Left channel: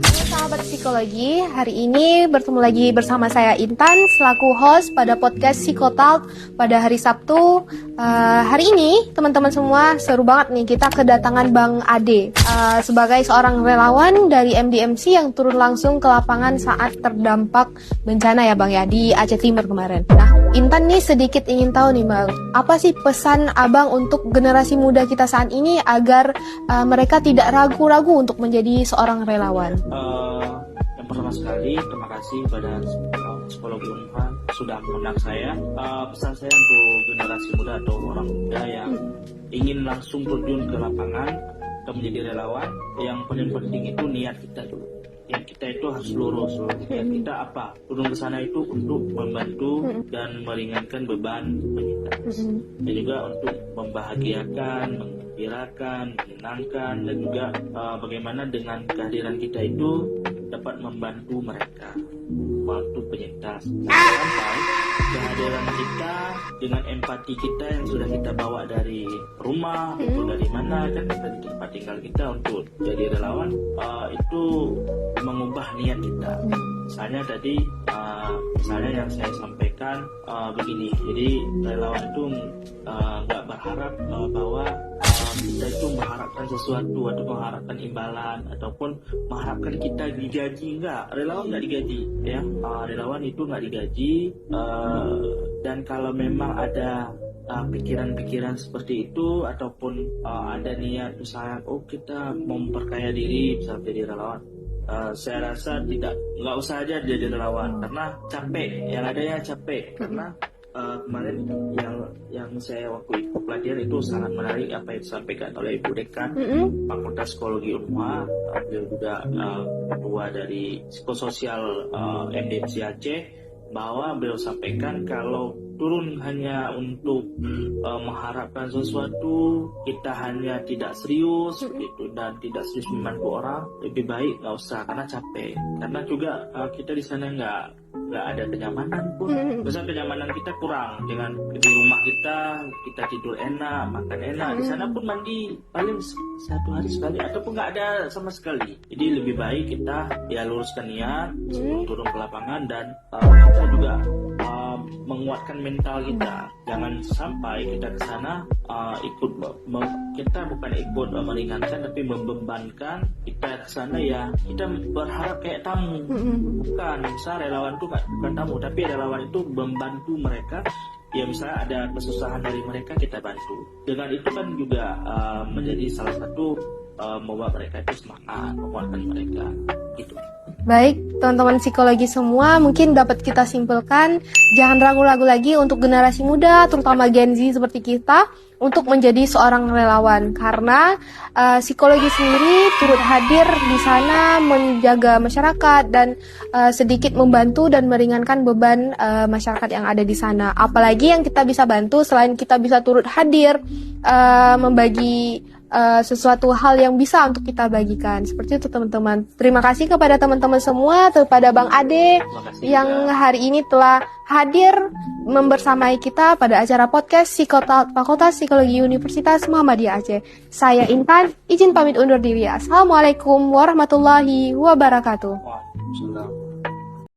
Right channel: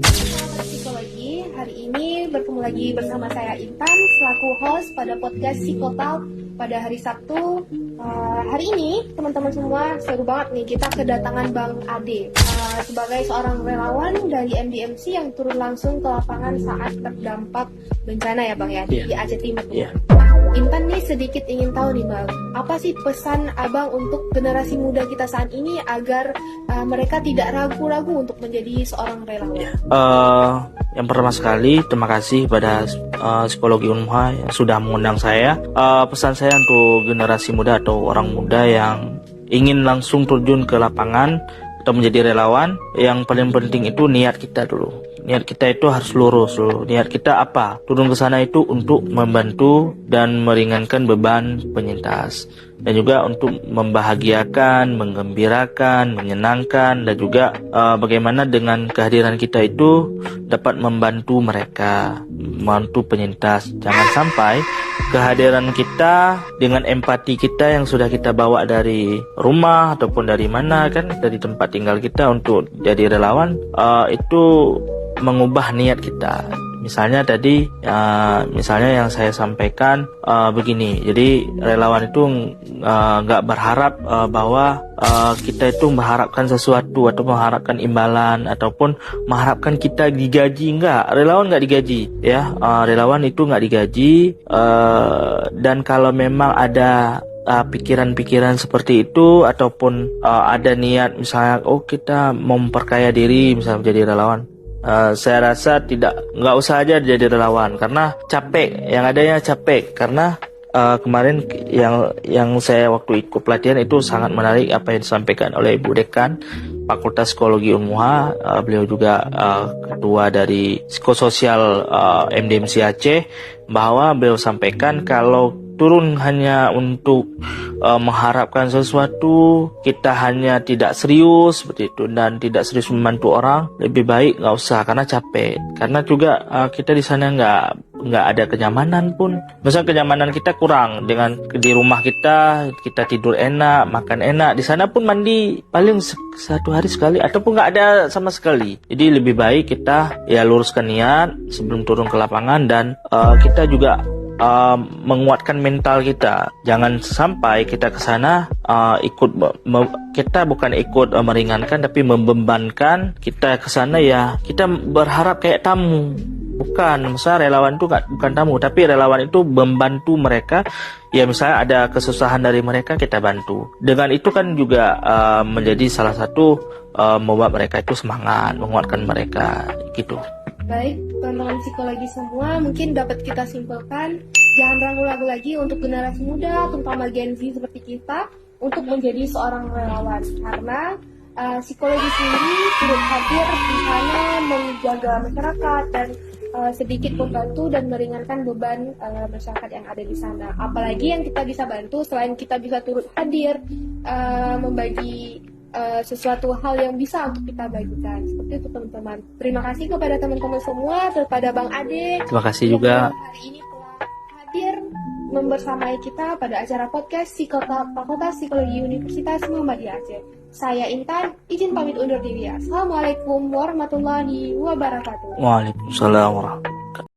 Sahabat psikologi, hari ini bertemu lagi bersama saya Intan selaku host pada podcast Psikotalk pada hari Sabtu. Hari ini teman-teman semua seru banget nih, kita kedatangan Bang Ade sebagai seorang relawan dari MDMC yang turun langsung ke lapangan saat terdampak bencana ya Bang ya di Aceh Timur kemarin. Nah, Intan nih sedikit ingin tahu nih Bang, apa sih pesan Abang untuk generasi muda kita saat ini agar mereka tidak ragu-ragu untuk menjadi seorang relawan? Yang pertama sekali, terima kasih pada Psikologi Unmuha yang sudah mengundang saya. Pesan saya untuk generasi muda atau orang muda yang ingin langsung terjun ke lapangan atau menjadi relawan, yang paling penting itu niat kita dulu. Niat kita itu harus lurus dulu. Niat kita apa? Turun ke sana itu untuk membantu dan meringankan beban penyintas, dan juga untuk membahagiakan, menggembirakan, menyenangkan, dan juga bagaimana dengan kehadiran kita itu dapat membantu mereka, membantu penyintas. Jangan sampai kehadiran kita dengan empati kita yang sudah kita bawa dari rumah ataupun dari mana kan, dari tempat tinggal kita untuk jadi relawan, itu mengubah niat kita. Misalnya tadi, misalnya yang saya sampaikan begini. Jadi relawan itu nggak berharap bahwa kita itu mengharapkan sesuatu atau mengharapkan imbalan ataupun mengharapkan kita digaji. Enggak, relawan nggak digaji ya. Relawan itu nggak digaji, dan kalau memang ada pikiran-pikiran seperti itu ataupun ada niat misalnya kita memperkaya diri misalnya menjadi relawan, saya rasa nggak usah aja jadi relawan karena capek, yang adanya capek. Karena kemarin yang saya waktu ikut pelatihan itu sangat menarik apa yang disampaikan oleh Ibu Dekan Fakultas Psikologi Unmuha. Beliau juga ketua dari psikososial MDMC Aceh, bahwa beliau sampaikan kalau turun hanya untuk mengharapkan sesuatu, kita hanya tidak serius seperti itu dan tidak serius membantu orang, lebih baik nggak usah karena capek. Karena juga kita di sana nggak ada kenyamanan pun. Misalnya kenyamanan kita kurang dengan di rumah kita tidur enak, makan enak. Di sana pun mandi paling satu hari sekali ataupun nggak ada sama sekali. Jadi lebih baik kita ya luruskan niat sebelum turun ke lapangan, dan kita juga menguatkan mental kita. Jangan sampai kita ke sana kita bukan ikut meringankan tapi membebankan. Kita ke sana ya kita berharap kayak tamu. Bukan, misalnya relawan itu bukan tamu, tapi relawan itu membantu mereka. Ya misalnya ada kesusahan dari mereka, kita bantu. Dengan itu kan juga menjadi salah satu membuat mereka itu semangat, menguatkan mereka gitu. Baik, teman-teman psikologi semua, mungkin dapat kita simpulkan, jangan ragu-ragu lagi untuk generasi muda, terutama Gen Z seperti kita, untuk menjadi seorang relawan. Karena psikologi sendiri turut hadir di sana menjaga masyarakat dan sedikit membantu dan meringankan beban masyarakat yang ada di sana. Apalagi yang kita bisa bantu selain kita bisa turut hadir, membagi sesuatu hal yang bisa untuk kita bagikan. Seperti itu teman-teman. Terima kasih kepada teman-teman semua, kepada Bang Ade Terima kasih yang juga hari ini telah hadir membersamai kita pada acara podcast Psikotalk Fakultas Psikologi Universitas Muhammadiyah Aceh. Saya Intan, izin pamit undur diri. Assalamualaikum warahmatullahi wabarakatuh. Waalaikumsalam warahmatullahi wabarakatuh.